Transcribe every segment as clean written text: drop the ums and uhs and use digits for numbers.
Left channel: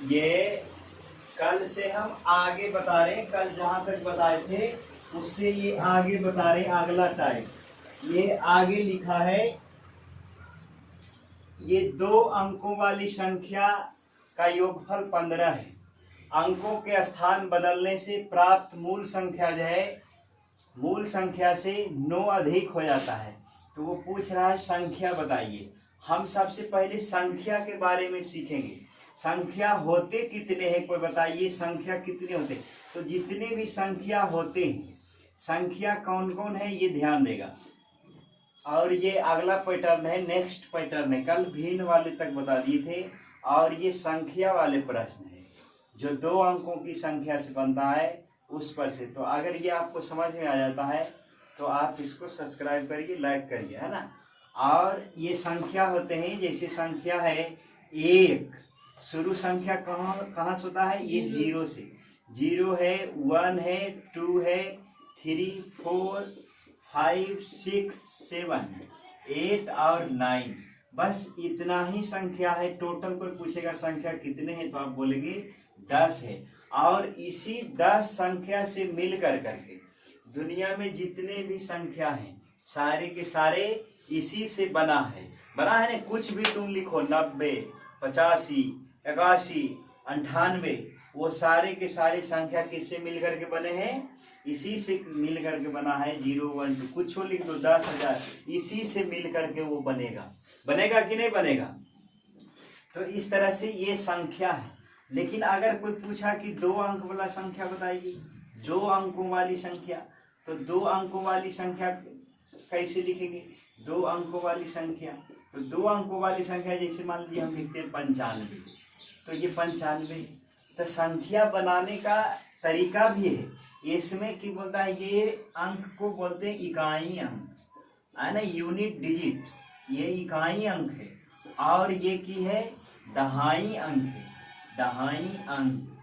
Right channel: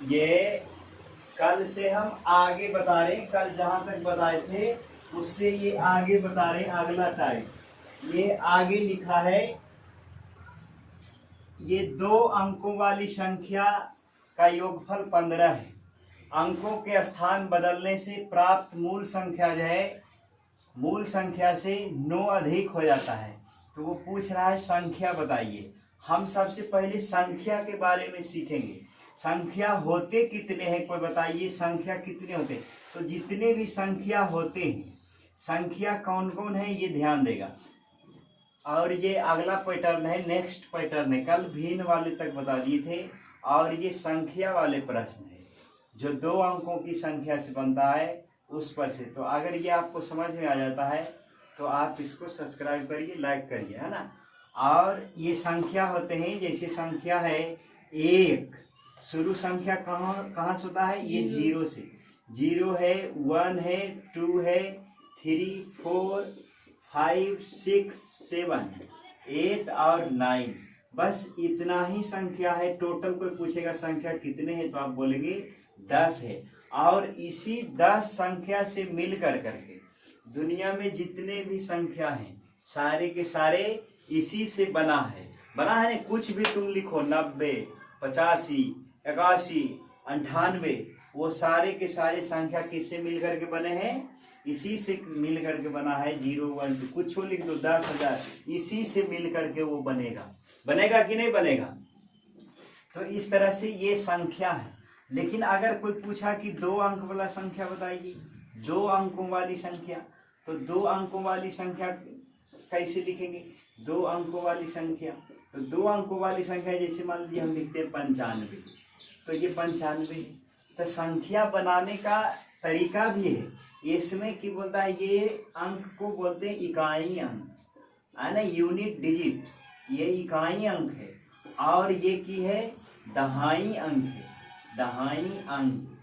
ये कल से हम आगे बता रहे हैं, कल जहाँ तक बताए थे उससे ये आगे बता रहे हैं अगला टाइप। ये आगे लिखा है, ये 2 अंकों वाली संख्या का योगफल 15 है। अंकों के स्थान बदलने से प्राप्त मूल संख्या जो है मूल संख्या से 9 अधिक हो जाता है। तो वो पूछ रहा है संख्या बताइए। हम सबसे पहले संख्या के बारे में सीखेंगे। संख्या होते कितने हैं, कोई बताइए संख्या कितने होते हैं। तो जितने भी संख्या होते हैं, संख्या कौन कौन है ये ध्यान देगा। और ये अगला पैटर्न है, नेक्स्ट पैटर्न है। कल भिन्न वाले तक बता दिए थे और ये संख्या वाले प्रश्न है जो 2 अंकों की संख्या से बनता है उस पर से। तो अगर ये आपको समझ में आ जाता है तो आप इसको सब्सक्राइब करिए, लाइक करिए, है ना। और ये संख्या होते हैं, जैसे संख्या है 1, शुरू संख्या कहाँ से होता है, ये 0 से। 0 है, 1 है, 2 है, 3, 4, 5, 6, 7, 8 और 9, बस इतना ही संख्या है। टोटल कोई पूछेगा संख्या कितने हैं तो आप बोलेंगे 10 है। और इसी 10 संख्या से मिल करके दुनिया में जितने भी संख्या हैं सारे के सारे इसी से बना है ना। कुछ भी तुम लिखो 90, 85, 81, 98, वो सारे के सारे संख्या किससे मिल करके बने हैं, इसी से मिल करके बना है। 0, 1, 2 कुछ लिख दो, 10,000, इसी से मिल करके वो बनेगा कि नहीं बनेगा। तो इस तरह से ये संख्या है। लेकिन अगर कोई पूछा कि 2 अंक वाला संख्या बताइए, 2 अंकों वाली संख्या, तो 2 अंकों वाली संख्या कैसे लिखेंगे। 2 अंकों वाली संख्या, तो 2 अंकों वाली संख्या जैसे मान लीजिए हम लिखते हैं 95, तो ये 95। तो संख्या बनाने का तरीका भी है इसमें कि बोलता है ये अंक को बोलते हैं इकाई अंक, है ना, यूनिट डिजिट। ये इकाई अंक है और ये की है दहाई अंक है, दहाई अंक।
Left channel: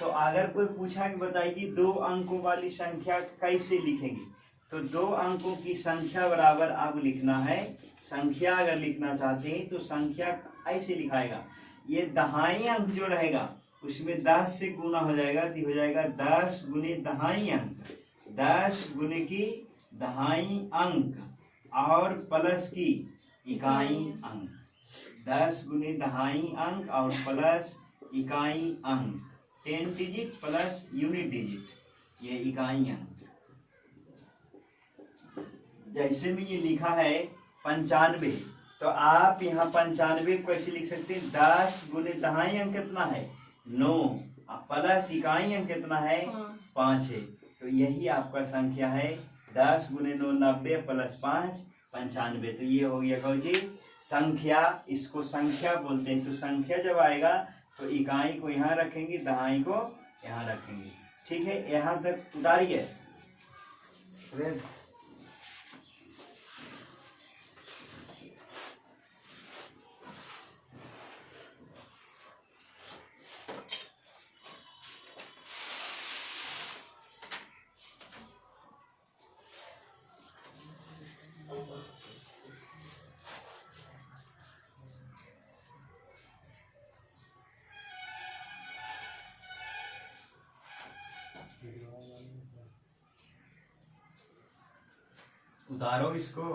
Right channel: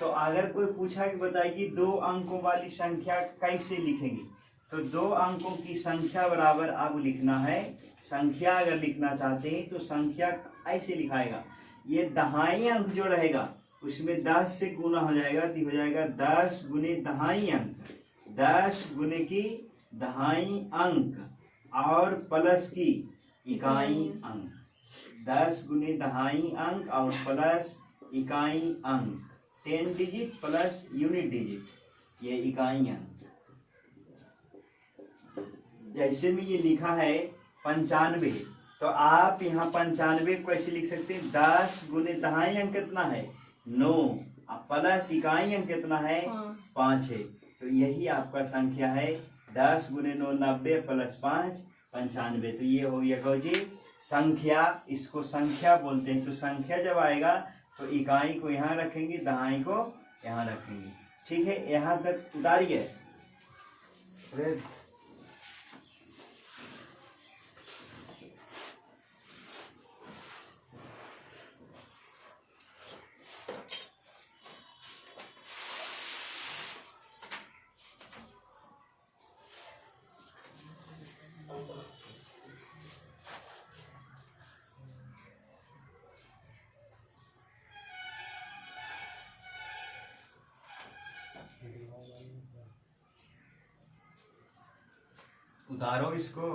तो अगर कोई पूछा कि बताइए 2 अंकों वाली संख्या कैसे लिखेंगे, तो 2 अंकों की संख्या बराबर अब लिखना है। संख्या अगर लिखना चाहते हैं तो संख्या ऐसे लिखाएगा, ये दहाई अंक जो रहेगा उसमें 10 से गुना हो जाएगा तो हो जाएगा 10 गुने दहाई अंक, 10 गुने की दहाई अंक और प्लस की इकाई अंक, 10 गुने दहाई अंक और प्लस इकाई अंक, 10 डिजिट प्लस यूनिट डिजिट, ये इकाई अंक। जैसे में ये लिखा है 95, तो आप यहाँ 95 को ऐसे लिख सकते हैं 10 गुने दहाई अंक कितना है 9, प्लस इकाई अंक कितना है 5 है। तो यही आपका संख्या है 10 गुने 9 90 प्लस 5 95। तो ये हो गया जी संख्या, इसको संख्या बोलते हैं। तो संख्या जब आएगा तो इकाई को यहाँ रखेंगे, दहाई को यहाँ रखेंगे। ठीक है, यहाँ तक उतारिए। उतारो इसको।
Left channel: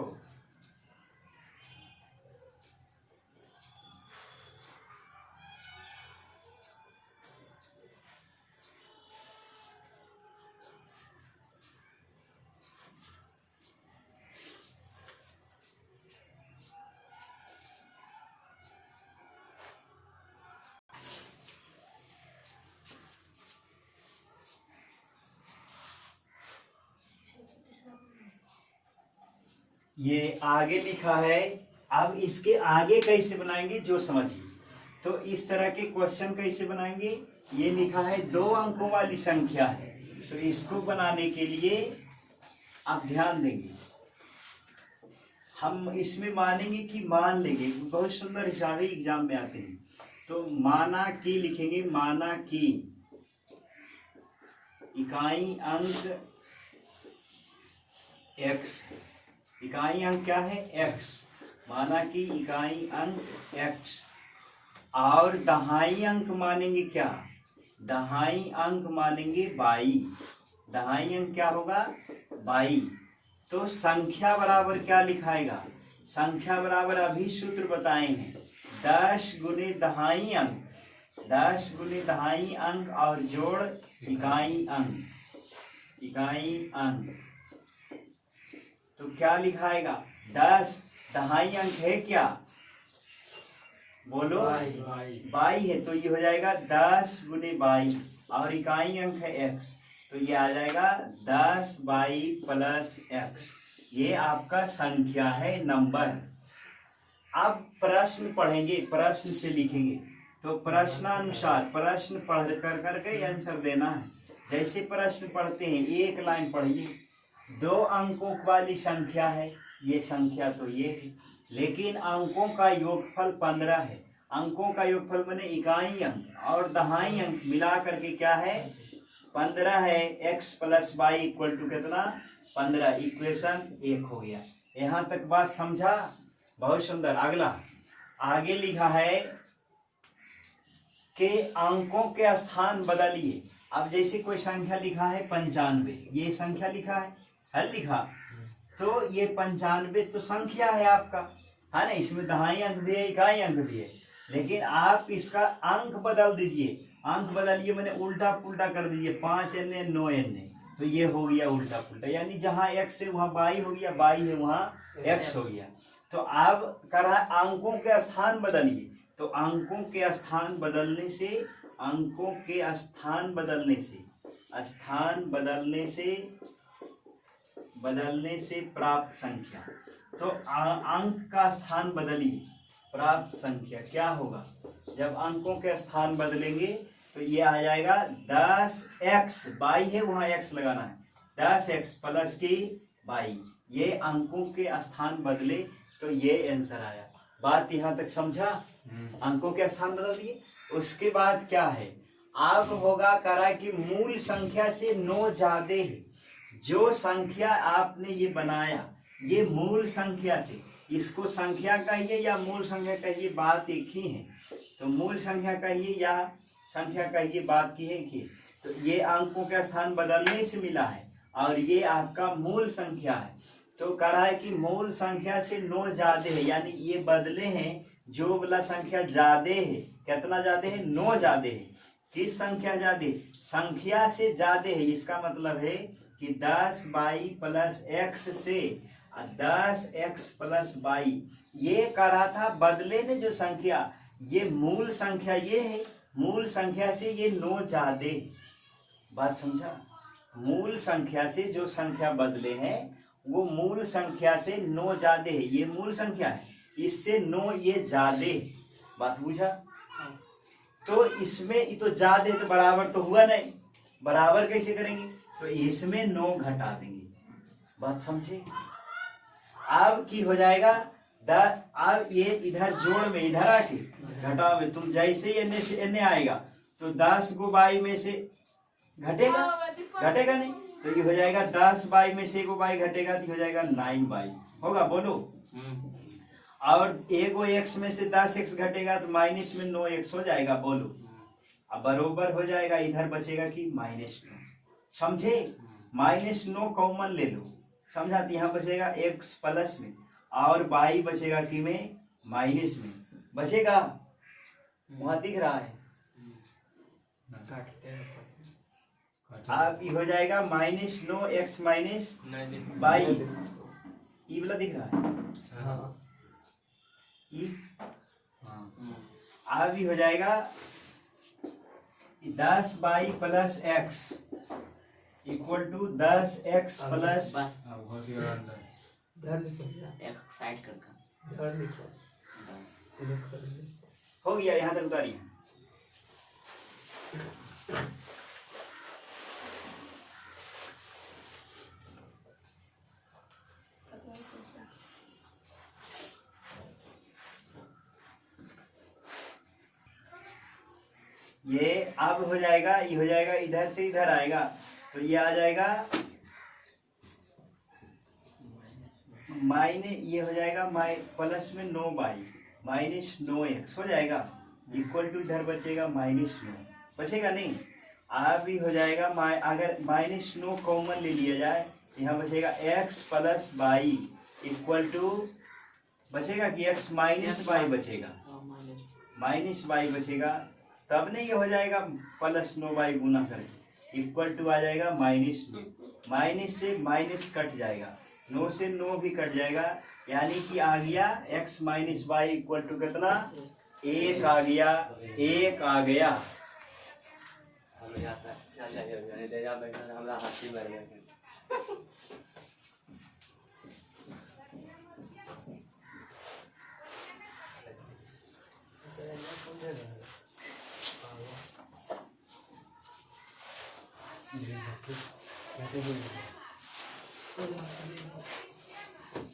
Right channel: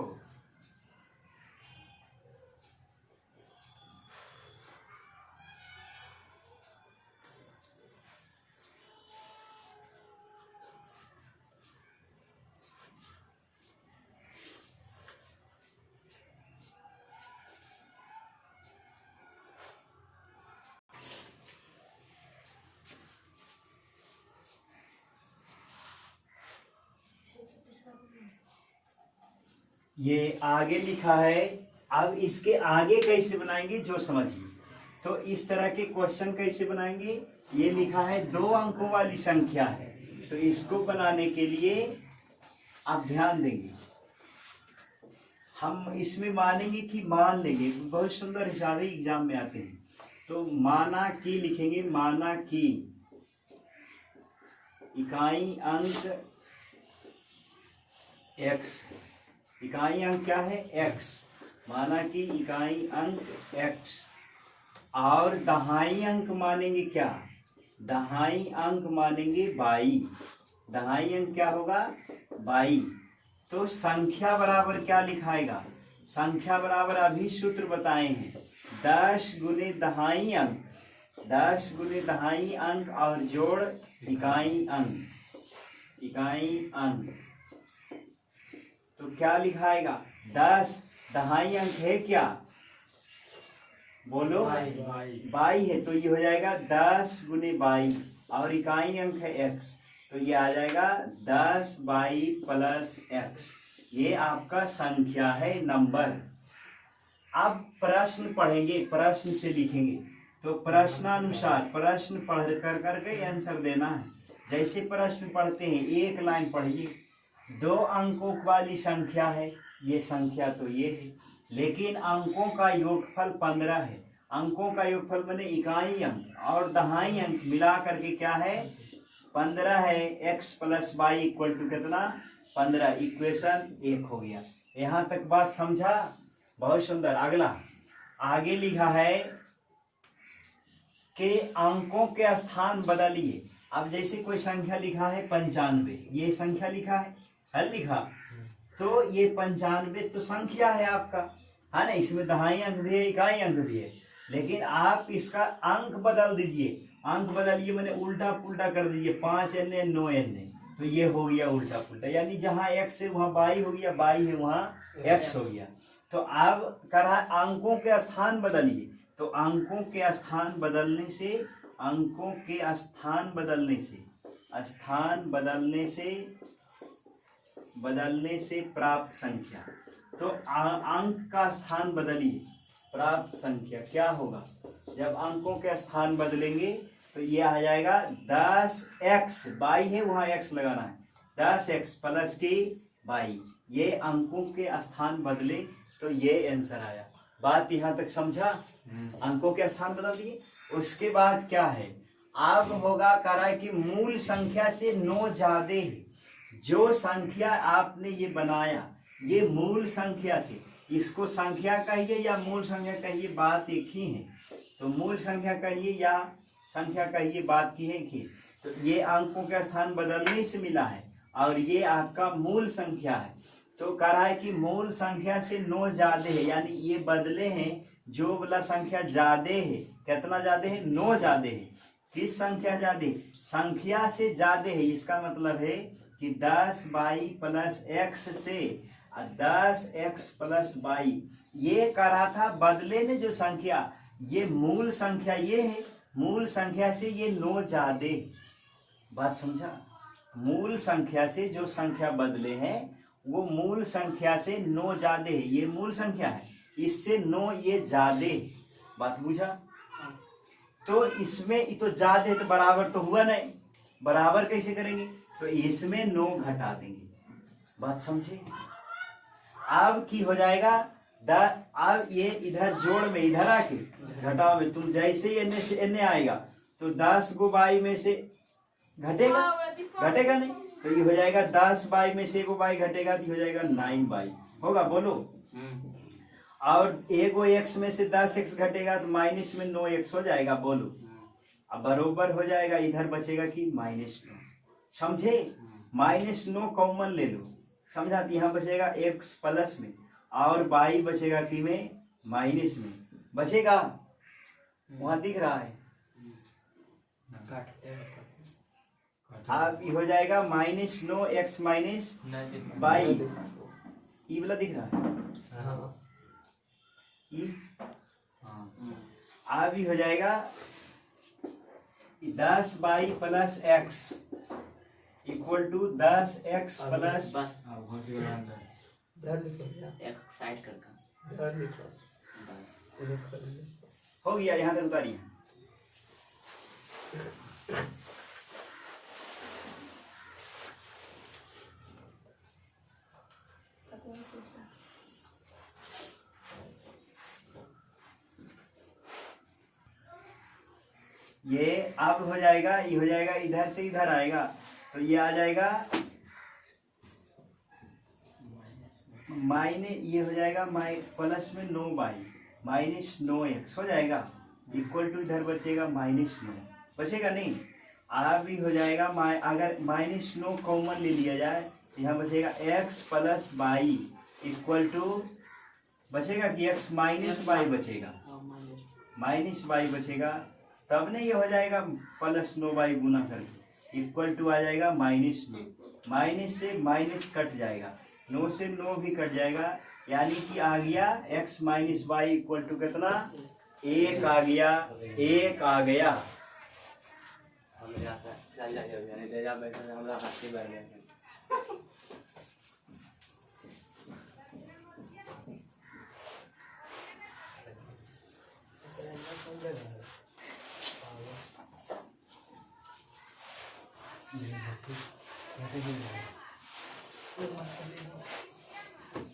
ये आगे लिखा है, अब इसके आगे कैसे बनाएंगे जो समझिए। तो इस तरह के क्वेश्चन कैसे बनाएंगे, ये लिखा है 2 अंकों वाली संख्या है, तो इसको बनाने के लिए आप ध्यान देंगे। हम इसमें मानेंगे कि मान लेंगे, बहुत सुंदर हिसाब है, एग्जाम में आते हैं। तो माना कि लिखेंगे, माना कि इकाई अंक x, इकाई अंक क्या है x, माना कि इकाई अंक x और दहाई अंक मानेंगे क्या, दहाई अंक मानेंगे 22, दहाई अंक क्या होगा 22। तो संख्या बराबर क्या लिखाएगा, संख्या बराबर अभी सूत्र बताए हैं 10 गुने दहाई अंक, 10 गुने दहाई अंक और जोड़ इकाई अंक, इकाई अंक। तो क्या लिखाएगा 10 दहाई अंक है क्या, बोलो 22 है, तो ये हो जाएगा 10 गुने 22 और इकाई अंक है x, तो ये आ जाएगा 10 22 प्लस x। ये आपका संख्या है नंबर। अब प्रश्न पढ़ेंगे, प्रश्न से लिखेंगे, तो प्रश्नानुसार प्रश्न पढ़ कर करके आंसर देना है। जैसे प्रश्न पढ़ते हैं एक लाइन पढ़िए, 2 अंकों वाली संख्या है, ये संख्या तो ये है, लेकिन अंकों का योगफल 15 है। अंकों का योगफल माने इकाई अंक और दहाई अंक मिला करके क्या है 15 है। x plus y equal to कितना 15, इक्वेशन 1 हो गया। यहाँ तक बात समझा, बहुत सुंदर। अगला आगे लिखा है कि अंकों के स्थान बदलिए। अब जैसे कोई संख्या लिखा है 95, ये संख्या लिखा है लिखा, तो ये 95 तो संख्या है आपका, है ना, इसमें दहाई अंक भी है इकाई अंक भी है, लेकिन आप इसका अंक बदल दीजिए। अंक बदलिए मैंने उल्टा पुल्टा कर दीजिए, 5 एन 9 एन, तो ये हो गया उल्टा पुल्टा, यानी जहाँ x है वहाँ y हो गया, y है वहाँ x हो गया। तो अब कर रहा है अंकों के स्थान बदलिए, तो अंकों के स्थान बदलने से, अंकों के स्थान बदलने से, स्थान बदलने से प्राप्त संख्या। तो अंक का स्थान बदलिए, प्राप्त संख्या क्या होगा, जब अंकों के स्थान बदलेंगे तो ये आ जाएगा 10x, 22 है वहाँ x लगाना है, 10x प्लस की 22, ये अंकों के स्थान बदले तो ये आंसर आया। बात यहाँ तक समझा, अंकों के स्थान बदल दिए। उसके बाद क्या है, अब होगा करा कि मूल संख्या से 9 ज्यादा है। जो संख्या आपने ये बनाया, ये मूल संख्या से, इसको संख्या कहिए या मूल संख्या कहिए, बात एक ही है। तो मूल संख्या कहिए या संख्या कहिए, बात की है कि तो ये अंकों का स्थान बदलने से मिला है और ये आपका मूल संख्या है। तो कह रहा है कि मूल संख्या से 9 ज्यादा है, यानी ये बदले हैं, जो वाला संख्या ज्यादा है, कितना ज्यादा है 9 ज्यादा है। किस संख्या ज्यादा, संख्या से ज्यादा है, इसका मतलब है कि 10 22 प्लस x से 10x प्लस 22, ये कह रहा था बदले ने जो संख्या, ये मूल संख्या ये है, मूल संख्या से ये 9 ज्यादा, बात समझा। मूल संख्या से जो संख्या बदले हैं वो मूल संख्या से 9 ज्यादा है, ये मूल संख्या है, इससे 9 ये ज्यादा, बात बुझा। तो इसमें तो ज्यादा है तो बराबर तो हुआ नहीं, बराबर कैसे करेंगे, तो इसमें 9 घटा देंगे, बात समझे। अब की हो जाएगा अब ये इधर जोड़ में, इधर आके घटाओ में, तुम जैसे एने से एने आएगा तो 10 को 22 में से घटेगा, घटेगा नहीं, तो ये हो जाएगा 10 22 में से 1 22 घटेगा तो हो जाएगा 9 22 होगा, बोलो। और 1 x में से 10 x घटेगा तो माइनस में 9 x हो जाएगा, बोलो। अब बरोबर हो जाएगा, इधर बचेगा कि -9, समझे। -9 कॉमन ले लो, समझा, तो यहाँ बचेगा x प्लस में और y बचेगा कि में माइनस में बचेगा, वहां दिख रहा है। अब ये हो जाएगा -9 x माइनस y, ई वाला दिख रहा है, ई, अब ये हो जाएगा 10 y plus x equal to 10x plus, side करता हो गया, यहाँ तक उतारिए। ये अब हो जाएगा, ये हो जाएगा, इधर से इधर आएगा तो ये आ जाएगा माइनस, ये हो जाएगा प्लस में 9 y माइनस 9 x हो जाएगा, इक्वल टू इधर बचेगा -9 बचेगा नहीं। भी हो जाएगा अगर -9 कॉमन ले लिया जाए, यहाँ बचेगा x plus y equal to बचेगा कि x माइनस वाई बचेगा, -y बचेगा। तब नहीं ये हो जाएगा +9y गुना करके इक्वल टू आ जाएगा -9। माइनस से माइनस कट जाएगा, 9 से 9 भी कट जाएगा, यानी कि आ गया x minus y equal to कितना 1 आ गया, 1 आ गया।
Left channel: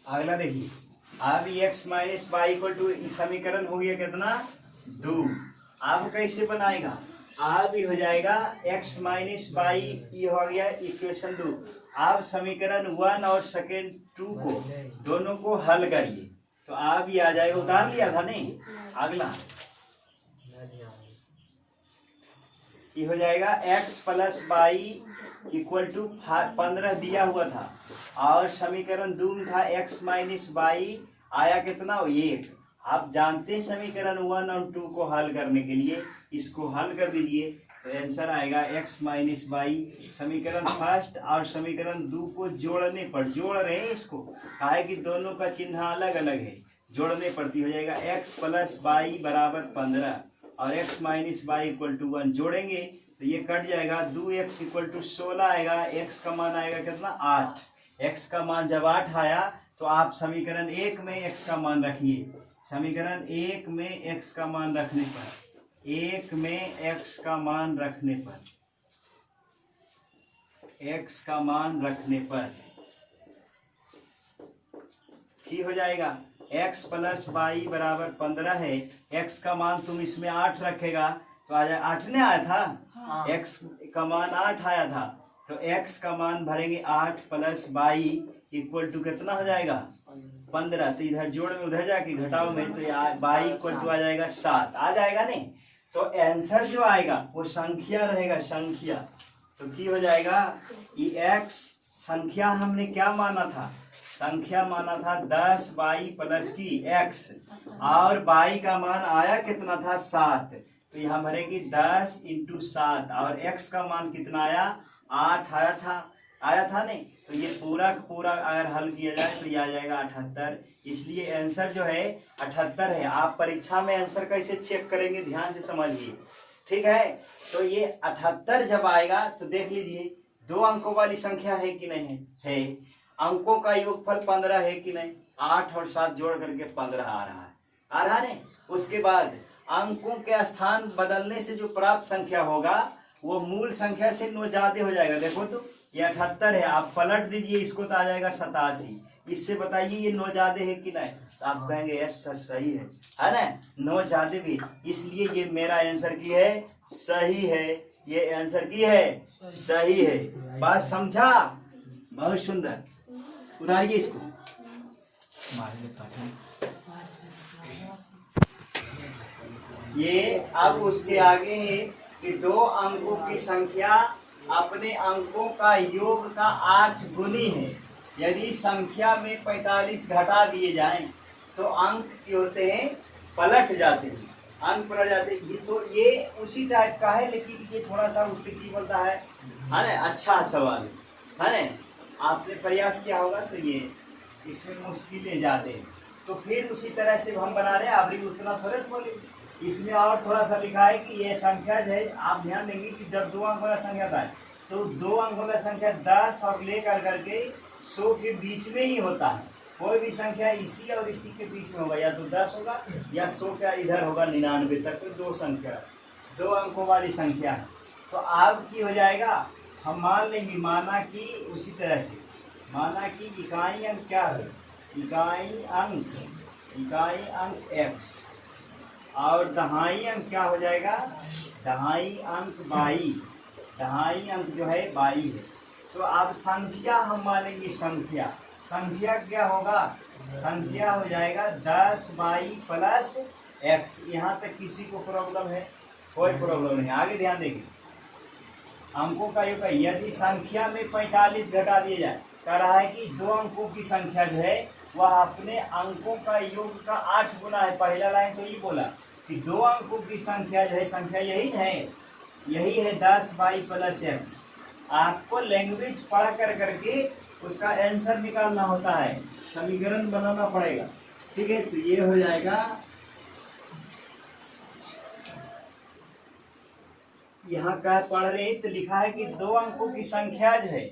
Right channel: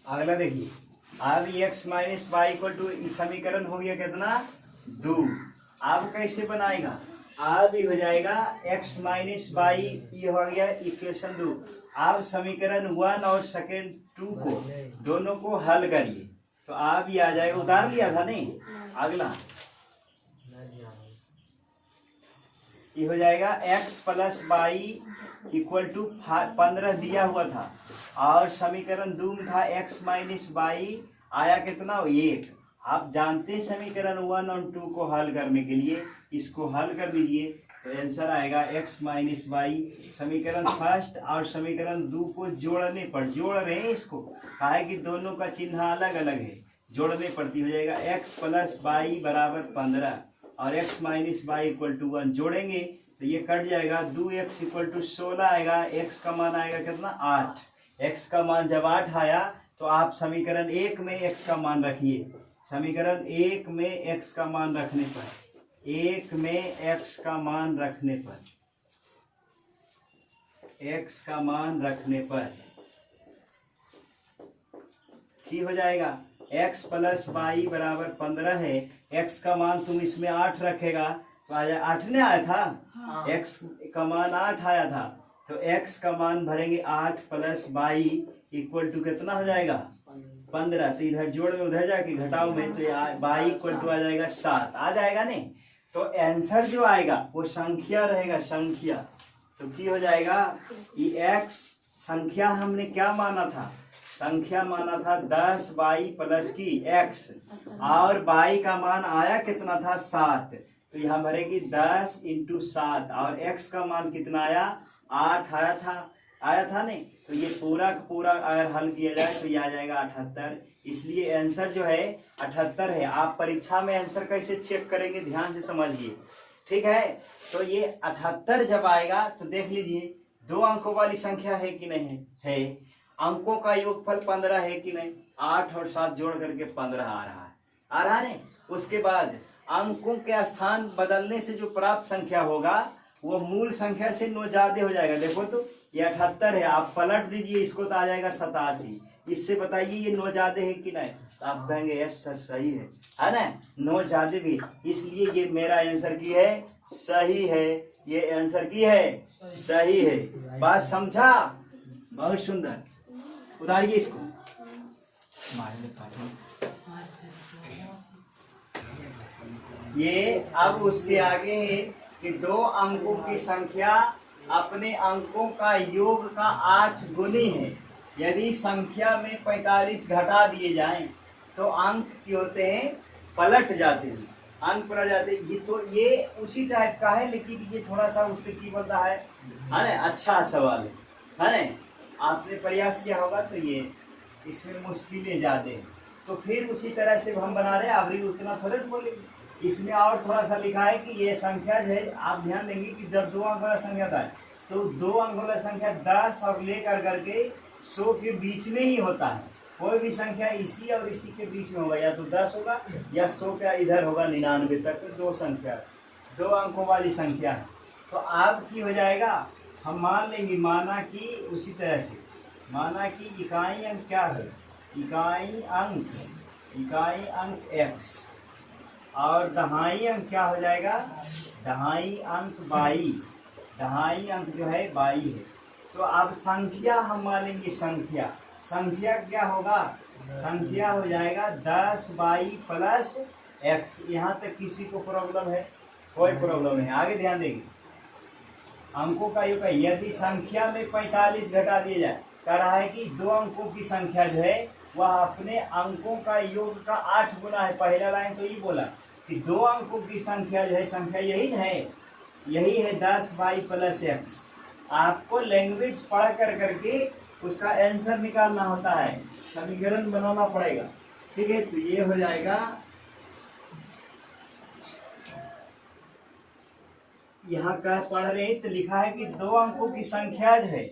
अगला देखिए, अब x minus y equal to समीकरण हो गया कितना 2। अब कैसे बनाएगा, अब हो जाएगा x माइनस वाई, ये हो गया इक्वेशन 2। अब समीकरण 1 और सेकेंड 2 को दोनों को हल करिए तो आप ये आ जाएगा, उतार लिया था नहीं। अगला ये हो जाएगा x plus y equal to 15 दिया हुआ था, और समीकरण 2 में था x माइनस वाई, आया कितना 1। आप जानते हैं समीकरण 1 और 2 को हल करने के लिए इसको हल कर दीजिए तो आंसर आएगा x माइनस वाई। समीकरण फर्स्ट और समीकरण 2 को जोड़ने पर, जोड़ रहे हैं इसको, कहा है कि दोनों का चिन्ह अलग अलग है, जोड़ने पड़ती, हो जाएगा x प्लस वाई बराबर 15 और x minus y equal to 1। जोड़ेंगे तो ये कट जाएगा, 2x इक्वल टू 16 आएगा, x का मान आएगा कितना 8। x का मान जब 8 आया तो आप समीकरण 1 में x का मान रखिए। समीकरण 1 में x का मान रखने पर, 1 में x का मान रखने पर, x का मान रखने पर ठीक हो जाएगा। x प्लस वाई बराबर 15 है, x का मान तुम इसमें 8 रखेगा तो आ जाए, 8 ने आया था, x का मान 8 आया था, तो x का मान भरेंगे 8 प्लस वाई इक्वल टू कितना हो जाएगा 15। तो इधर जोड़ में उधर जाके घटाओ में तो वाई इक्वल टू आ जाएगा 7, आ जाएगा नहीं। तो आंसर जो आएगा वो संख्या रहेगा, संख्या। तो की हो जाएगा ये x संख्या हमने क्या माना था, संख्या माना था 10 वाई प्लस की x, और वाई का मान आया कितना था 7, तो यहाँ भरेगी 10 इंटू 7, और x का मान कितना आया 8 आया था नहीं। तो ये पूरा का पूरा अगर हल किया जाए तो ये आ जाएगा 78। इसलिए आंसर जो है 78 है। आप परीक्षा में आंसर कैसे चेक करेंगे ध्यान से समझिए, ठीक है। तो ये 78 जब आएगा तो देख लीजिए 2 अंकों वाली संख्या है कि नहीं है, अंकों का योगफल 15 है कि नहीं, 8 और 7 जोड़ करके 15 आ रहा है नहीं। उसके बाद अंकों के स्थान बदलने से जो प्राप्त संख्या होगा वो मूल संख्या से 9 ज्यादा हो जाएगा। देखो तो ये 78 है, आप पलट दीजिए इसको तो आ जाएगा 87। इससे बताइए ये 9 ज्यादा है कि नहीं, तो आप कहेंगे यस सर सही है ना, 9 ज्यादा भी, इसलिए ये मेरा आंसर की है सही है, ये आंसर की है सही है। बात समझा, बहुत सुंदर। उतारिए इसको, ये अब उसके आगे है कि 2 अंकों की संख्या अपने अंकों का योग का 8 गुनी है। यदि संख्या में 45 घटा दिए जाएं तो अंक क्या होते हैं, पलट जाते हैं, अंक पलट जाते हैं। ये तो ये उसी टाइप का है, लेकिन ये थोड़ा सा उससे की बनता है ना, अच्छा सवाल है ना, आपने प्रयास किया होगा तो ये इसमें मुश्किलें ज्यादा हैं। तो फिर उसी तरह से हम बना रहे हैं, अभी उतना थोड़ा बोले, इसमें और थोड़ा सा लिखा है कि ये संख्या जो है, आप ध्यान देंगे कि जब 2 अंकों का संख्या था तो 2 अंकों का संख्या 10 और लेकर करके 100 के बीच में ही होता है। कोई भी संख्या इसी और इसी के बीच में होगा, या तो 10 होगा या 100 का इधर होगा 99 तक, तो 2 संख्या 2 अंकों वाली संख्या है। तो आप की हो जाएगा, हम मान लेंगे, माना कि उसी तरह से माना कि इकाई अंक क्या है, इकाई अंक x और दहाई अंक क्या हो जाएगा, दहाई अंक बाई, दहाई अंक जो है बाई है। तो अब संख्या हम मान लेंगे, संख्या क्या होगा, संख्या हो जाएगा 10 बाई प्लस एक्स। यहाँ तक किसी को प्रॉब्लम है? कोई प्रॉब्लम नहीं। आगे ध्यान देंगे, अंकों का योग है। यदि संख्या में 45 घटा दिया जाए, कह रहा है कि दो अंकों की संख्या जो है वह अपने अंकों का योग का 8 गुना है। पहला लाइन तो ये बोला कि दो अंकों की संख्या जो है, संख्या यही है, यही है 10y + x। आपको लैंग्वेज पढ़ कर करके उसका आंसर निकालना होता है, समीकरण बनाना पड़ेगा। ठीक है, तो ये हो जाएगा, यहाँ का पढ़ रहे हैं तो लिखा है कि दो अंकों की संख्या जो है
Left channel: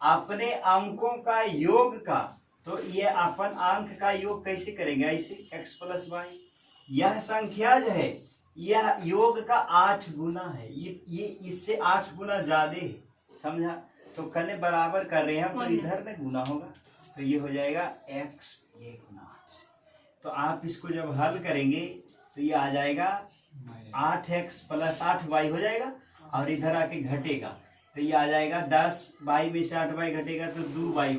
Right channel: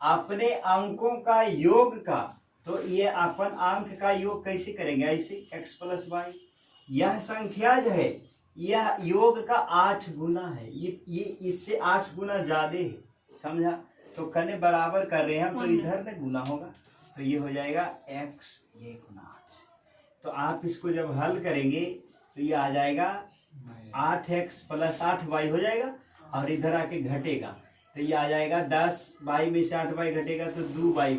अपने अंकों का योग का, तो ये अपन अंक का योग कैसे करेंगे? ऐसे x + y। यह संख्या जो है यह योग का 8 गुना है, ये इससे 8 गुना ज्यादा है, समझा? तो कने बराबर कर रहे हैं हम, तो इधर में गुना होगा, तो ये हो जाएगा x ये गुना 8। तो आप इसको जब हल करेंगे तो ये आ जाएगा 8x + 8y हो जाएगा, और इधर आके घटेगा तो ये आ जाएगा 10y में से 8y घटेगा तो 2y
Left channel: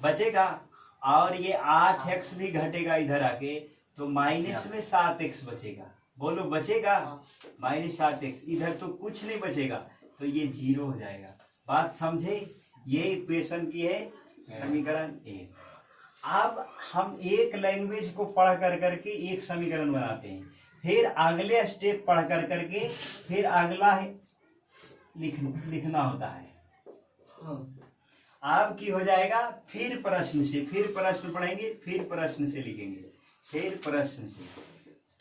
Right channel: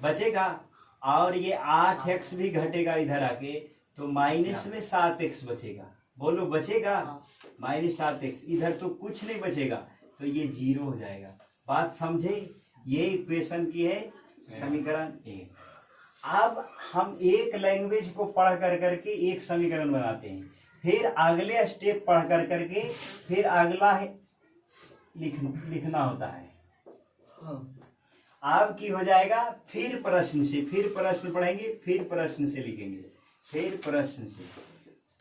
बचेगा, और ये 8x भी घटेगा इधर आके तो माइनस में 7x बचेगा। बोलो बचेगा? -7x। इधर तो कुछ नहीं बचेगा, तो ये 0 हो जाएगा। बात समझे? ये इक्वेशन की है समीकरण 1। अब हम एक लैंग्वेज को पढ़ कर करके एक समीकरण बनाते हैं, फिर अगले स्टेप पढ़ कर करके फिर अगला लिखना होता है। अब की हो जाएगा फिर प्रश्न से, फिर प्रश्न पढ़ेंगे, फिर प्रश्न से लिखेंगे, फिर प्रश्न से।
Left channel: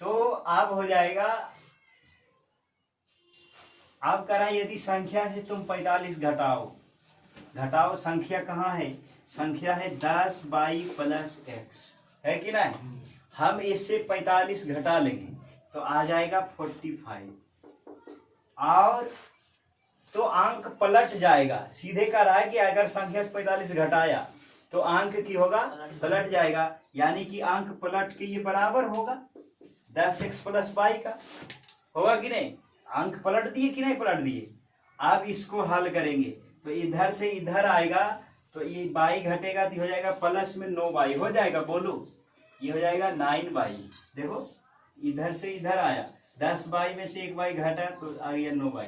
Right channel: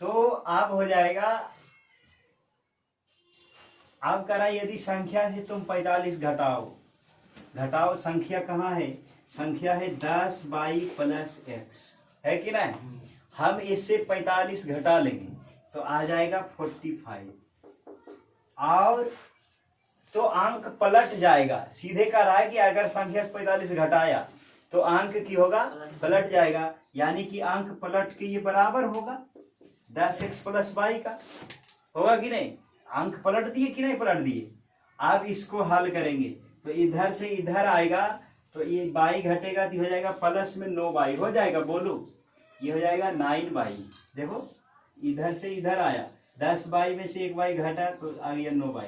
तो अब हो जाएगा, अब करा यदि संख्या से तुम 45 घटाओ, संख्या कहाँ है? संख्या है 10y + x, है कि नहीं? हम इससे 45 घटा लेंगे तो आ जाएगा 45, और तो अंक पलट जाएगा। सीधे कह रहा है कि अगर संख्या से 45 घटाया तो अंक की होगा पलट जाएगा, यानी कि अंक पलट के ये बराबर होगा 10x + y का, होगा कि नहीं? अंक पलट दिए कि नहीं पलट दिए? अब इसको हल करेंगे तो इधर से इधर आएगा, तो ये y घटेगा तो हो जाएगा प्लस में 9y हो जाएगा। बोलो, ये हो जाएगा 9y। देखो इधर से इधर आया, 10y में से 1y घटा तो आ गया 9y,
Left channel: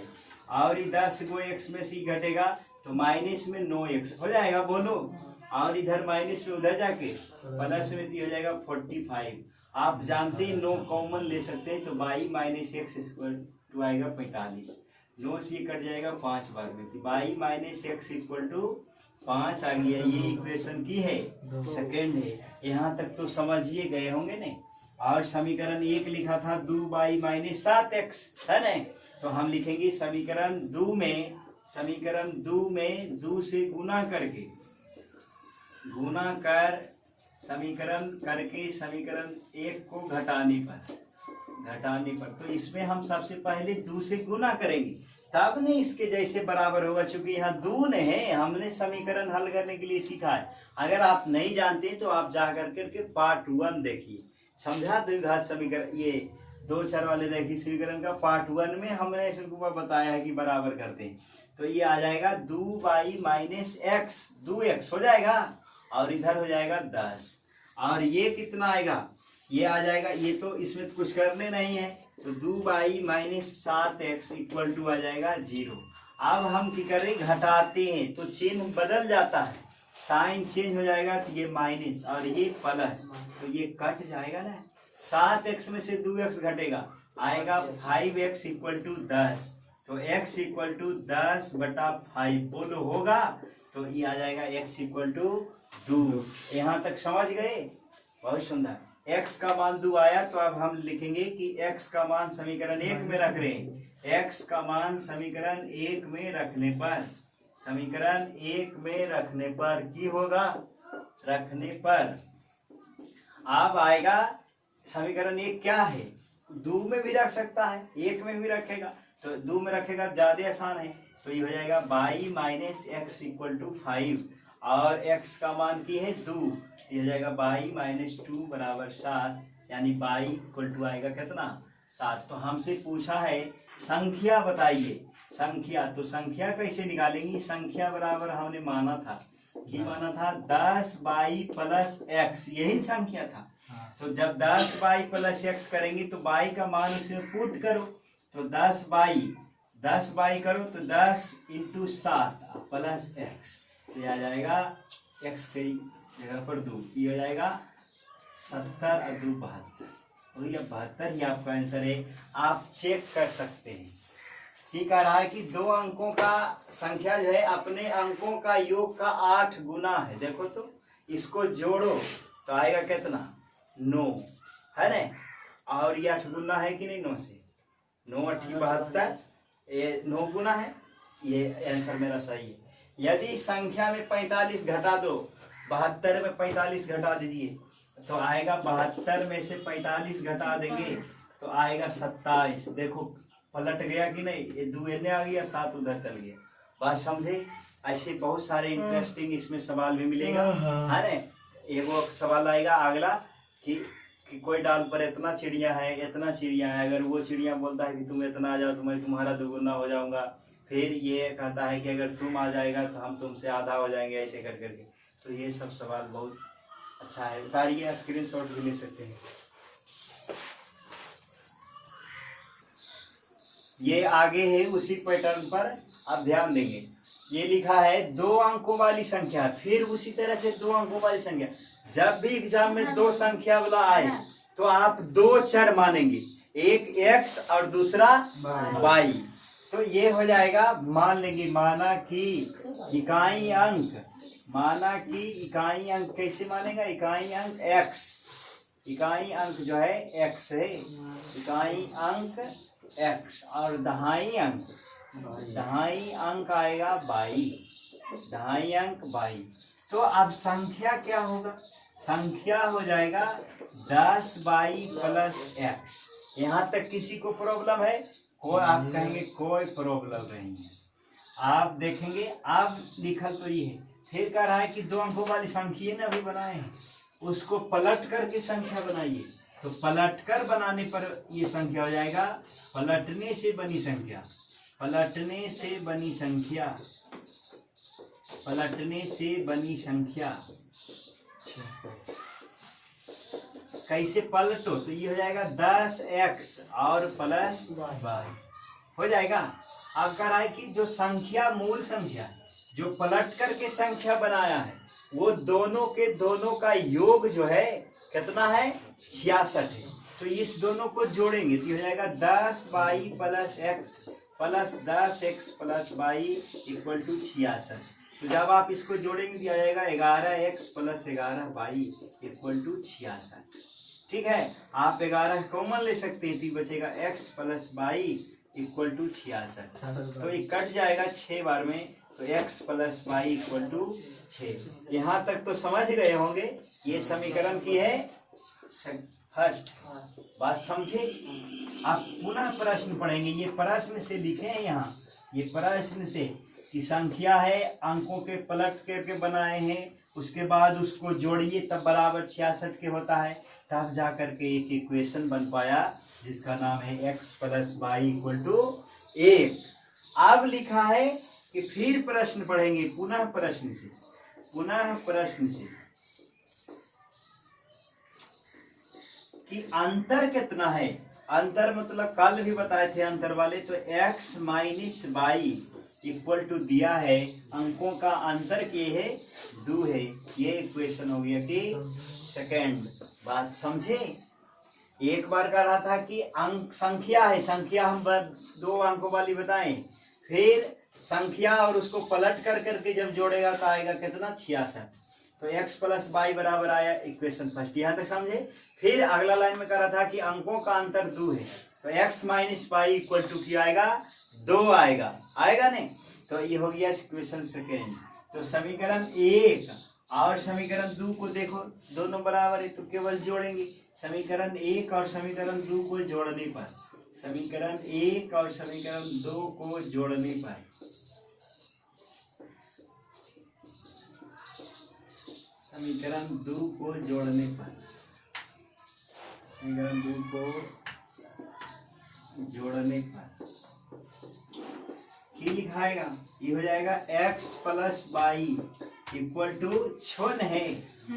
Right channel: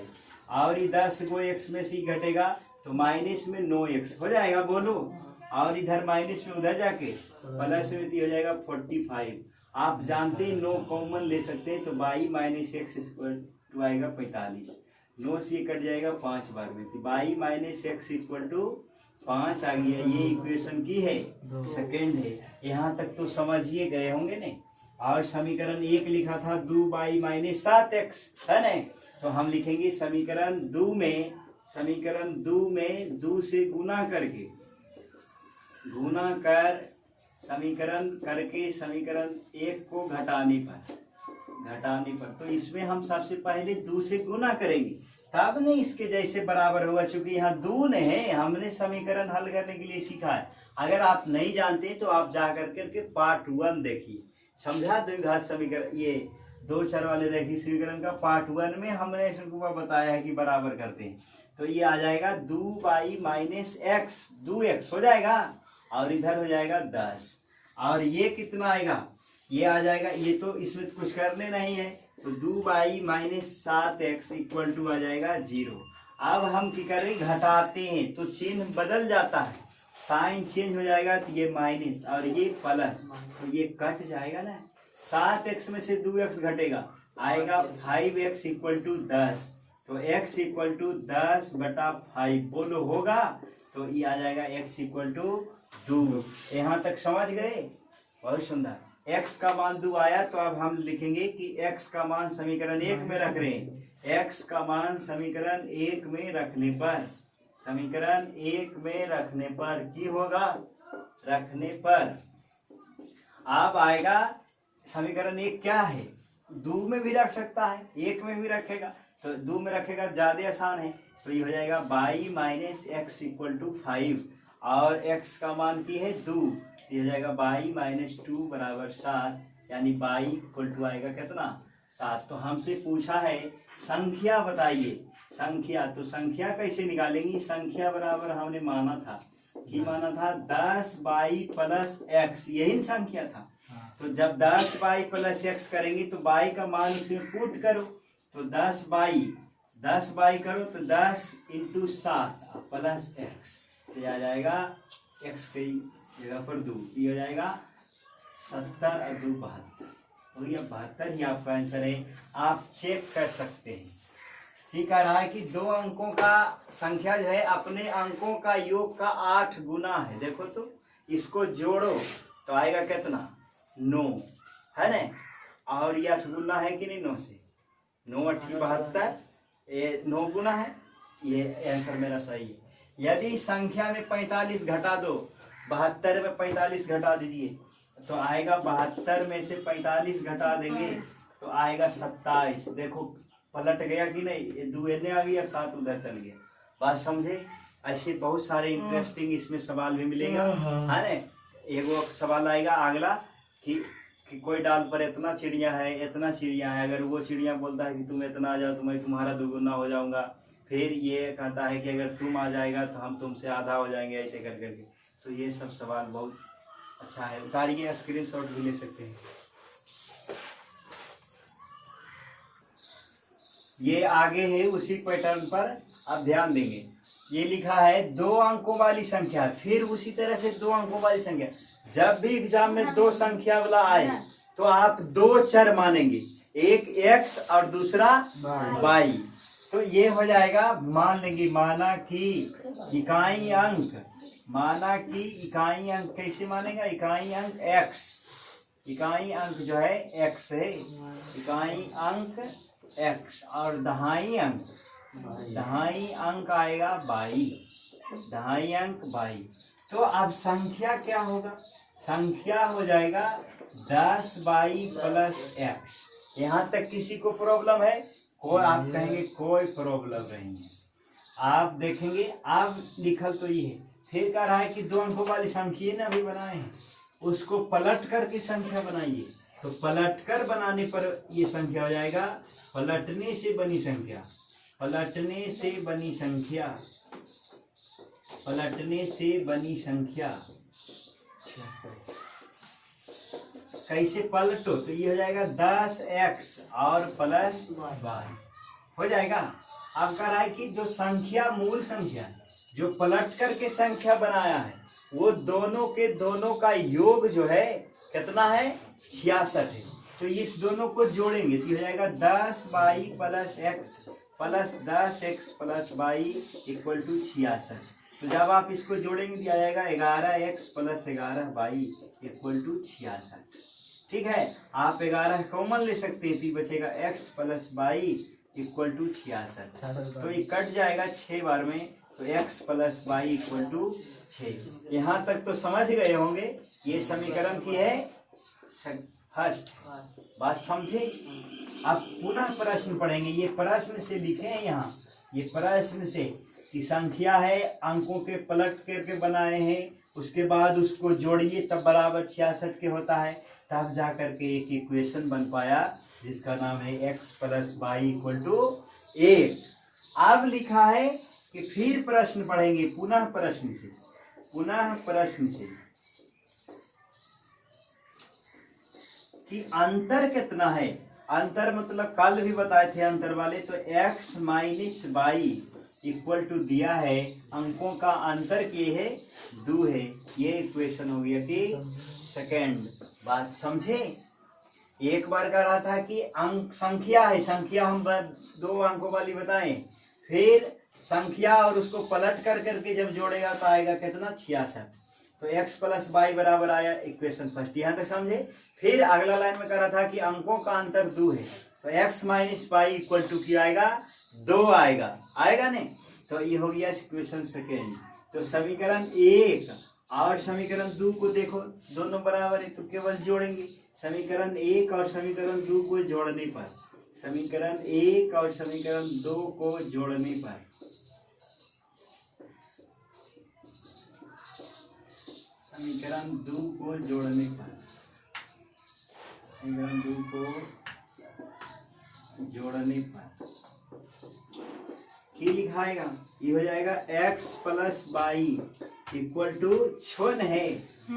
और ये 10 को x में से घटेगा तो माइनस में 9x हो जाएगा। बोलो, और इधर माइनस में उधर जाके प्लस में हो जाएगा 45। आप जानते हैं 9 कॉमन ले सकते हैं, तो y - x आएगा 45। 9 से कट जाएगा 5 बार में, तो y - x = 5 आ गया। ये इक्वेशन की है सेकेंड है। यहाँ तक तो समझिए गए होंगे नहीं? और समीकरण 1 लिखा था 2y - 7x, है ना? तो हम लिखेंगे समीकरण 2 में 2 से गुना करके समीकरण करके समीकरण 1 को घटाने पर, तो इसमें हम सबसे पहले 2 से गुना करेंगे, तब नहीं इसके जैसे बराबर होगा, क्योंकि यहाँ 2 है। हमने समीकरण हल करने के लिए सीखा है। अगर आप नहीं जानते तो आप जा करके पार्ट 1 देखिए, समझा? द्विघात समीकरण, ये 2 चर वाले रैखिक समीकरण का पार्ट 1 में हमने इसको बताया है कि बराबर करते हैं। तो ये आ जाएगा 2y - x, 2x हो जाएगा, और इधर हो जाएगा 10, और ये कितना आएगा? ये आ जाएगा, ये तो इसमें कुछ करने नहीं है, तो 2y - 7x = आ जाएगा 0। अब हम क्या करें? घटाते हैं तो चिन्ह बदल जाता है, साइन चेंज हो जाएगा, तो ये माइनस और ये प्लस, तो ये कट जाएगा ना। 7x में से 2x घटेगा, आएगा 5x = 10, तो x = 10/5। बोलो होगा? तो ये आ जाएगा x = 2। यहाँ तक समझ गए? बहुत सुंदर। x का मान 2 आया, तो अब हम लिखेंगे कि x का मान समीकरण 1 में रख रहे हैं। x का मान समीकरण 1 में रखने पर की होगा? रखने पर अब आएगा समीकरण 1 क्या है? 2 में भी रख सकता है, 1 में भी रखेगा, तो 2 में रखेगा ज्यादा आसान है। तो ये हो जाएगा y - x = 5, और x का मान की है 2, ये हो जाएगा y - 2 = 7, यानी y आएगा कितना? 7। तो हमसे पूछा है संख्या बताइए, संख्या। तो संख्या कैसे निकालेंगी? संख्या बराबर हमने माना था 10y + x, यही संख्या था। तो जब 10y प्लस एक्स करेंगे तो y का मान उसमें पुट करो, तो 10y करो तो 10 इंटू 7 प्लस एक्स, तो ये आ जाएगा x की जगह पर 2, ये हो जाएगा 70 और 2 72, तो ये 72 ही आपका आंसर है। आप चेक कर सकते हैं। ठीक कह रहा है कि दो अंकों का संख्या जो है अपने अंकों का योग का 8 गुना है। देखो तो इसको जोड़ो तो आएगा कितना 9 है ना, और ये 8 गुना है कि नहीं 9 से, 9 8 72, ये 9 गुना है, ये आंसर मेरा सही है। यदि संख्या में 45 घटा दो, 72 में 45 घटा दीजिए तो आएगा 72 में से 45 घटा देंगे तो आएगा 27। देखो पलट गया कि नहीं, ये 2 एने आ गया 7 उधर चल गया। बात समझे? ऐसे बहुत सारे इंटरेस्टिंग इसमें सवाल भी मिलेगा है ना। एगो सवाल आएगा अगला कि कोई डाल पर इतना चिड़िया है, इतना चिड़िया है, अगर वो चिड़िया बोलता है कि तुम इतना आ जाओ तो मैं तुम्हारा दुगुना हो जाऊंगा, फिर ये कहता है कि अगर तुम आ जाएगा तो हम तुमसे आधा हो जाएंगे, ऐसे कर करके। तो ये सब सवाल बहुत अच्छा है, उतारिए, स्क्रीनशॉट भी ले सकते हैं। ये आगे है उसी पैटर्न पर आप ध्यान देंगे। ये लिखा है 2 अंकों वाली संख्या, फिर उसी तरह से 2 अंकों वाली संख्या। जब भी एग्जाम में 2 संख्या वाला आए तो आप 2 चर मानेंगे, एक x और दूसरा y। तो ये हो जाएगा, मान लेंगे माना कि इकाई अंक, माना कि इकाई अंक कैसे मानेगा, इकाई अंक x, इकाई अंक जो है x है, इकाई अंक x, और दहाई अंक आएगा y, दहाई अंक y। तो अब संख्या क्या होगा, संख्या हो जाएगा 10y प्लस x। यहाँ तक किसी को प्रॉब्लम है? कोई, आप कहेंगे कोई प्रॉब्लम नहीं है। आप देखेंगे अब लिखल तो ये है, फिर कह रहा है कि 2 अंकों वाली संख्या ना भी बनाए हैं, उसको पलट करके संख्या बनाइए। तो पलट कर बनाने पर ये संख्या हो जाएगा, पलटने से बनी संख्या, पलटने से बनी संख्या, पलटने से बनी संख्या कैसे पलटो, तो ये हो जाएगा 10x और प्लस y हो जाएगा। अब कह रहा है कि जो संख्या, मूल संख्या जो पलट करके संख्या बनाया है, वो दोनों के दोनों का योग जो है कितना है 66 है। तो इस दोनों को जोड़ेंगे तो हो जाएगा 10y plus x plus 10x plus y equal to 66। तो जब आप इसको जोड़ेंगे तो आ जाएगा 11x plus 11y equal to 66। ठीक है, आप 11 कॉमन ले सकते हैं तो बचेगा x plus y equal to 66। तो ये कट जाएगा 6 बार में, तो x plus y equal to 6। यहाँ तक तो समझ गए होंगे, ये समीकरण की है फर्स्ट। बात समझे? आप पुनः प्रश्न पढ़ेंगे, ये प्रश्न से लिखे हैं यहाँ, ये प्रश्न से कि संख्या है, अंकों के पलट करके बनाए हैं, उसके बाद उसको जोड़िए तब बराबर 66 के होता है, तब जा करके एक इक्वेशन बन पाया जिसका नाम है x plus y equal to 1। अब लिखा है कि फिर प्रश्न पढ़ेंगे, पुनः प्रश्न से, पुनः प्रश्न से कि अंतर कितना है। अंतर मतलब कल भी बताए थे अंतर वाले, तो x minus y equal to दिया है, अंकों का अंतर के है 2 है। ये इक्वेशन हो गया कि सेकेंड। बात समझे? एक बार कह रहा था कि अंक संख्या है, संख्या हम 2 अंकों वाली बताएं, फिर संख्या और उसको पलट कर करके जब जोड़ेगा तो आएगा कितना 66। तो x प्लस वाई बराबर आया इक्वेशन फर्स्ट। यहाँ तक समझे? फिर अगला लाइन में कह रहा था कि अंकों का अंतर 2 है, तो x minus y equal to क्या आएगा 2 आएगा, आएगा नहीं? तो ये हो गया इक्वेशन सेकेंड। तो समीकरण 1 और समीकरण 2 को देखो, दोनों बराबर है तो केवल जोड़ेंगे। समीकरण 1 और समीकरण 2 को जोड़ने पर, समीकरण 1 और समीकरण 2 को जोड़ने पर, समीकरण 2 को जोड़ने पर, समीकरण 2 को जोड़ने पर क्या लिखाएगा, ये हो जाएगा x plus y equal to छोन है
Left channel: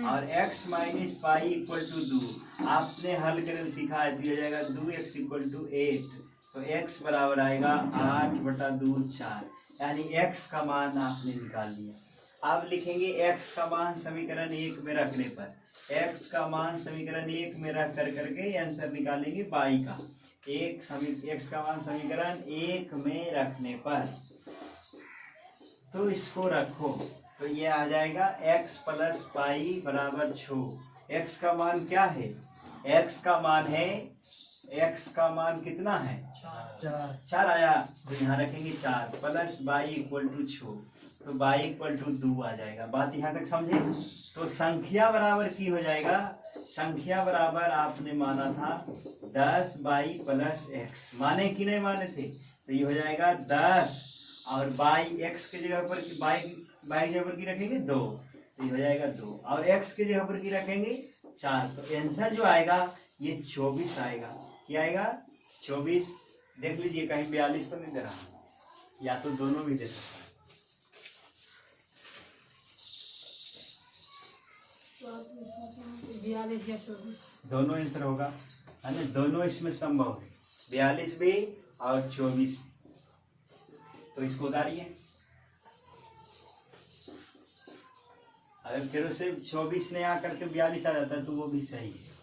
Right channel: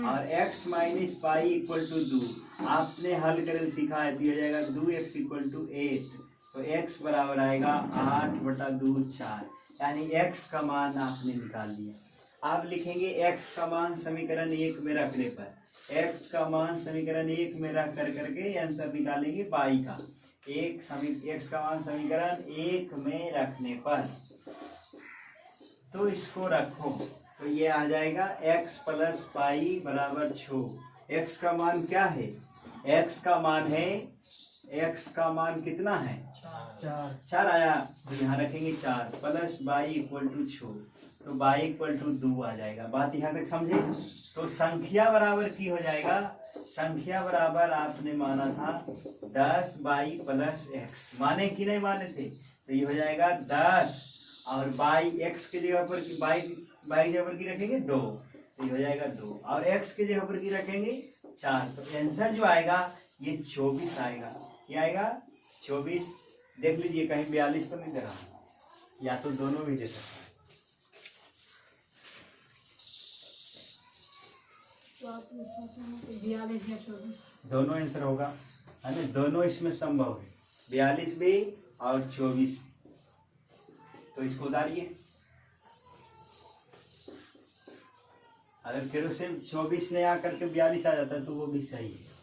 और x minus pi equal to 2। आपने हल करल सीखा है तो ये हो जाएगा 2x इक्वल टू 8। तो x बराबर आएगा 8/2 4, यानी x का मान आपने निकाल लिया। अब लिखेंगे x का मान समीकरण 1 में रखने पर, x का मान समीकरण 1 में रख करके आंसर निकालेंगे y का। x का मान समीकरण 1 में रखने पर तो इसको रखो तो ये आ जाएगा x प्लस पाई बराबर 6। x का मान क्या है? x का मान है, x का मान कितना है? 4 आया, तो यहाँ रखेंगे 4 प्लस y इक्वल टू 6, तो y इक्वल टू 2 आ जाएगा। बात यहाँ तक समझे? तो संख्या बराबर की हो जाएगा, संख्या बराबर आपने माना था 10y प्लस x, माने कि नहीं माने थे? तो ये हो जाएगा 10 और y x के जगह पर y जगह पर की रखेंगे 2, तो ये हो जाएगा 2 और x के जगह पर की रखेंगे 4, तो आंसर जो आएगा ये 24 आएगा। क्या आएगा? 24। देख लीजिए कहीं 42 तो नहीं दे रहा, या तो दोनों भी दे सकता है। दोनों आंसर होगा, है ना? दोनों इसमें संभव है, 42 भी और 24। तो इसको उतारिए, अगर फिर से 24 ने आकर के 42 आ जाता है तो वो भी सही है।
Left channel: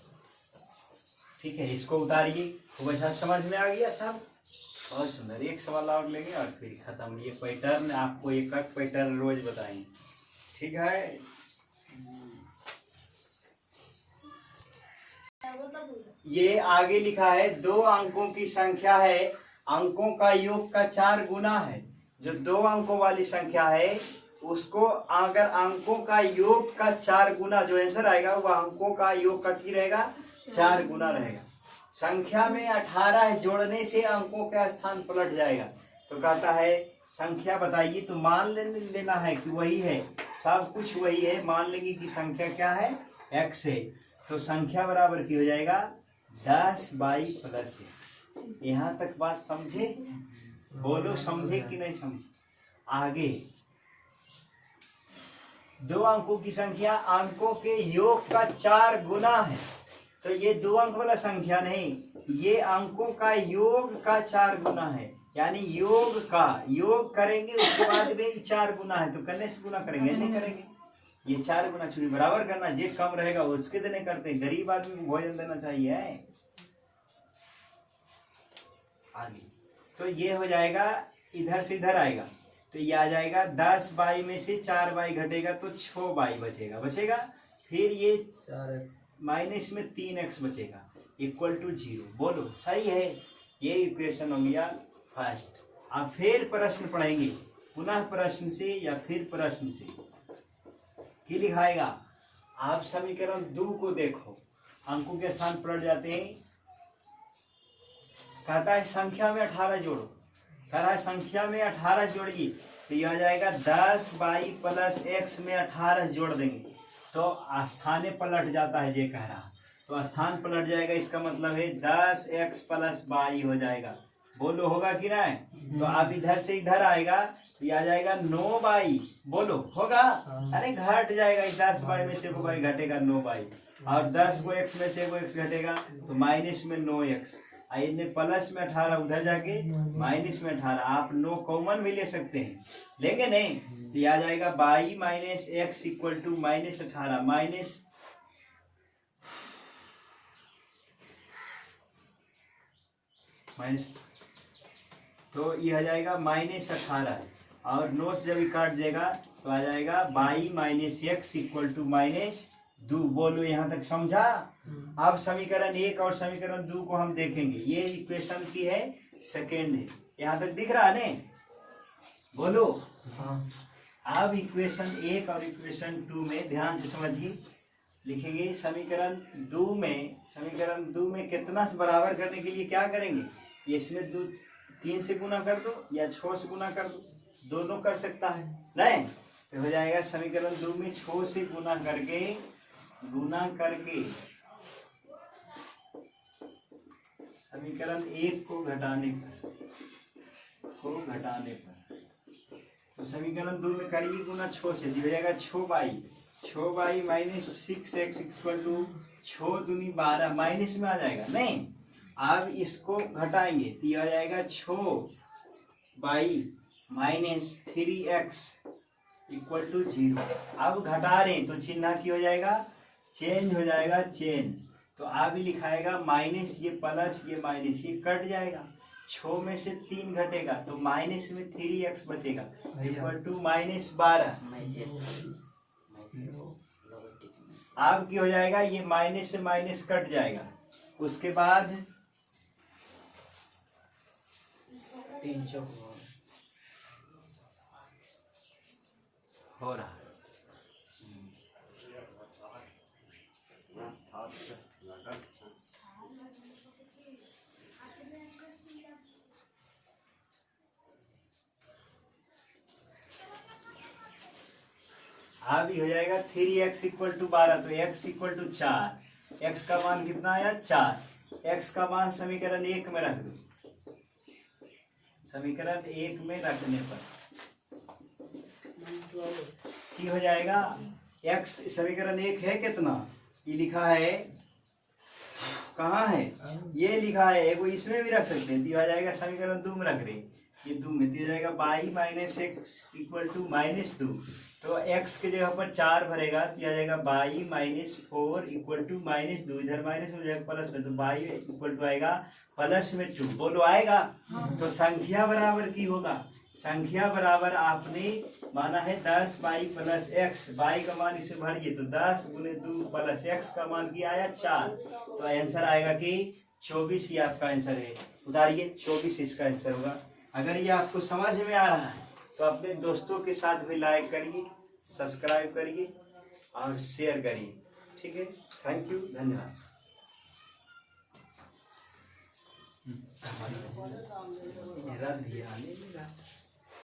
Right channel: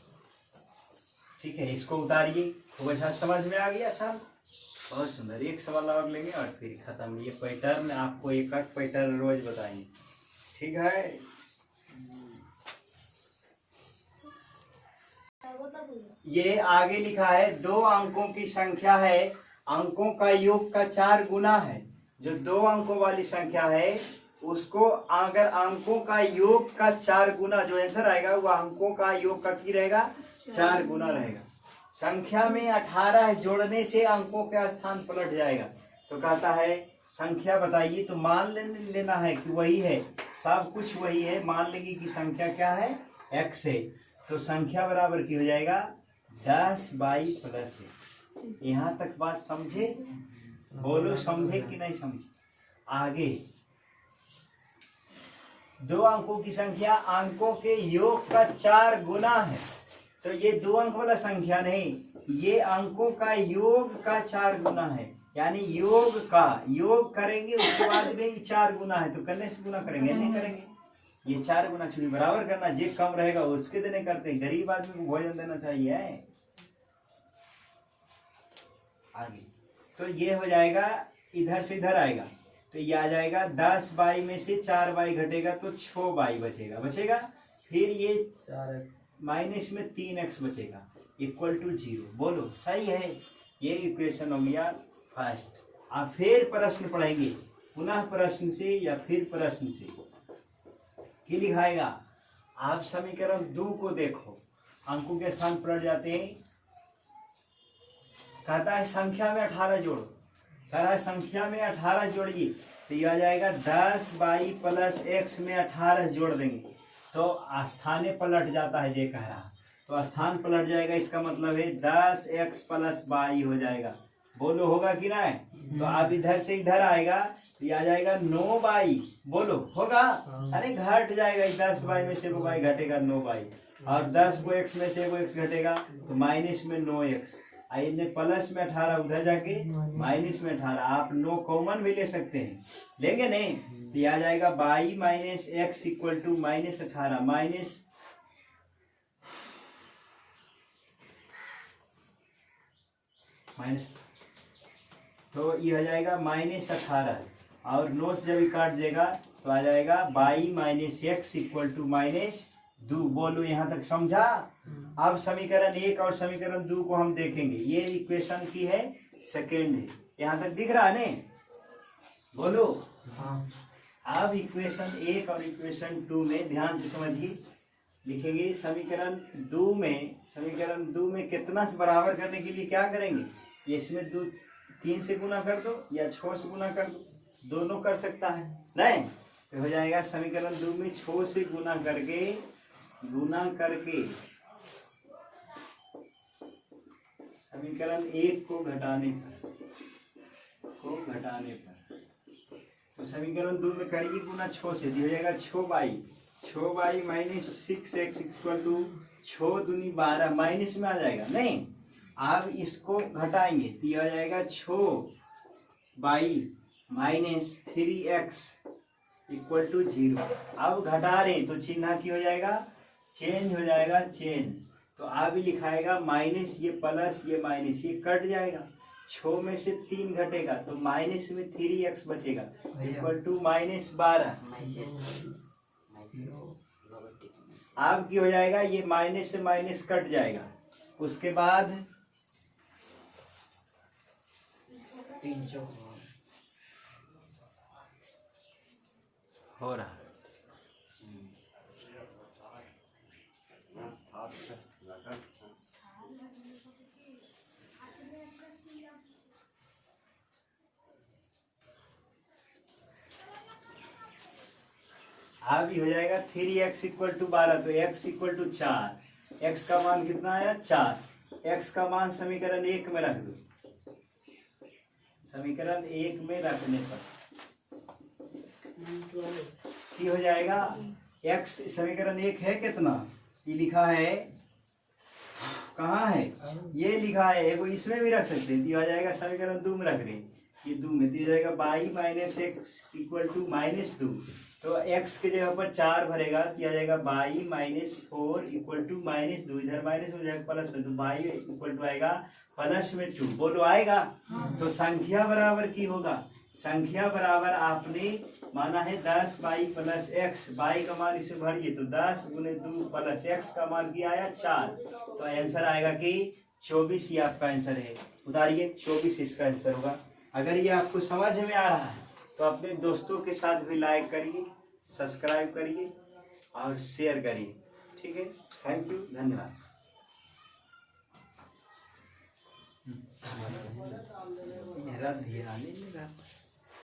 ठीक है, इसको उतारिए। खूब अच्छा समझ में आ गया सब, बहुत सुंदर। एक सवाल और लेंगे और फिर खत्म। ये पैटर्न आपको एक पैटर्न रोज बताएंगे, ठीक है? ये आगे लिखा है 2 अंकों की संख्या है, अंकों का योग का 4 गुना है। जो 2 अंकों वाली संख्या है उसको अगर अंकों का योग का 4 गुना, जो आंसर आएगा वह अंकों का योग का की रहेगा 4 गुना रहेगा। संख्या में 18 जोड़ने से अंकों का स्थान पलट जाएगा। तो कहता है संख्या बताइए, तो मान लेना है कि वही है, सब कुछ वही है। मान लेंगे कि संख्या क्या है? x है, तो संख्या बराबर की हो जाएगा 10y प्लस x। यहाँ तक बात समझे? बोलो समझे कि नहीं समझे? आगे 2 अंकों की संख्या अंकों के योग का 4 गुना है, तो ये 2 अंक वाला संख्या नहीं, ये अंकों का योग का 4 गुना है। यानी योग का योग करेंगे उसके बाद में 4 गुना है, तो करने से गुना करेंगे नहीं करेंगे, ये 4 गुना चुनी बराबर करना। जे कम रहेगा उसके देने करते, गरीब आदमी को भोजन देना चाहिए। आगे तो ये हो जाएगा, इधर से इधर आएगा तो ये आ जाएगा 10y में से 4y घटेगा तो 6y बचेगा। फिर ये 4x माइनस में 3x बचेगा इक्वल टू 0। बोलो सही है? ये इक्वेशन हो गया फर्स्ट। अब फिर प्रश्न पढ़ेंगे, पुनः प्रश्न से या फिर प्रश्न से क्या लिखाएगा? आप समीकरण 2 को देखो, अंकों के स्थान पलट जाते हैं। कहता है संख्या में 18 जोड़ो, कह रहा है संख्या में 18 जोड़िए, तो यह आ जाएगा 10y प्लस x में 18 जोड़ देंगे तो स्थाने पलट जाता है। ये कह रहा है तो स्थान पलट जाएगा, इसका मतलब है 10x प्लस y हो जाएगा। बोलो होगा कि नहीं? तो अब इधर से इधर आएगा तो यह आ जाएगा 9y। बोलो होगा? अरे घट जाएगा, 10y में से y घटेगा 9y, और 10 को x में से x घटेगा तो माइनस में 9x। इनने प्लस में 18 उधर जाके माइनस में 18, आप 9 कॉमन भी ले सकते हैं, लेंगे नहीं तो आ जाएगा y minus x equal to minus 18 minus, तो ये आ जाएगा माइनस 18 और 9 से जब काट देगा तो आ जाएगा y minus x equal to minus 2। बोलो यहाँ तक समझा? अब समीकरण 1 और समीकरण 2 को हम देखेंगे। ये इक्वेशन की है सेकेंड है, यहाँ तक दिख रहा है ने? बोलो हाँ। अब इक्वेशन 1 और इक्वेशन 2 में ध्यान से समझिए, लिखेंगे समीकरण 2 में कितना से बराबर करने के लिए क्या करेंगे? ये इसमें 3 से गुना कर दो या 6 से गुना कर दो, दोनों कर सकता है नहीं? तो हो जाएगा समीकरण 2 में 6 से गुना करके समीकरण 1 को घटाने पर तो समीकरण 2 में करिए गुना 6 से, दिया जाएगा 6y minus 6x equal to 6 दूनी 12, माइनस में आ जाएगा नहीं। अब इसको घटाएंगे तो यह आ जाएगा 6y minus 3x equal to 0। अब घटा रहे तो चिन्ह की हो जाएगा, चेंज हो जाएगा, चेंज। तो अब लिखाएगा माइनस, ये प्लस ये माइनस, ये कट जाएगा। 6 में से 3 घटेगा तो माइनस में 3x बचेगा इक्वल टू माइनस 12। अब की हो जाएगा, ये माइनस से माइनस कट जाएगा। उसके बाद 3 चौक हो रहा अब ये हो जाएगा 3x इक्वल टू 12, तो x इक्वल टू 4। x का मान कितना आया 4। x का मान समीकरण 1 में रख दो। समीकरण 1 में रखने पर की हो जाएगा, x समीकरण 1 है कितना, ये लिखा है, कहाँ है, ये लिखा है, एगो इसमें भी रख सकते हैं। तो आ जाएगा समीकरण 2 में रख रहे, ये 2 में तो जाएगा y minus x equal to -2। तो x के जगह पर 4 भरेगा तो आ जाएगा y माइनस 4 इक्वल टू -2। इधर माइनस हो जाएगा प्लस में, तो y इक्वल टू आएगा प्लस में 2। बोलो आएगा। तो संख्या बराबर की होगा, संख्या बराबर आपने माना है 10y प्लस एक्स, y का मान इसे भरिए तो 10 गुने 2 प्लस x का मान किया आया 4। तो आंसर आएगा कि 24 ही आपका आंसर है। उतारिए 24 इसका आंसर होगा। अगर ये आपको समझ में आ रहा है तो अपने दोस्तों के साथ भी लाइक करिए, सब्सक्राइब करिए और शेयर करिए। ठीक है, थैंक यू, धन्यवाद। मेरा ध्यान ही नहीं रहा।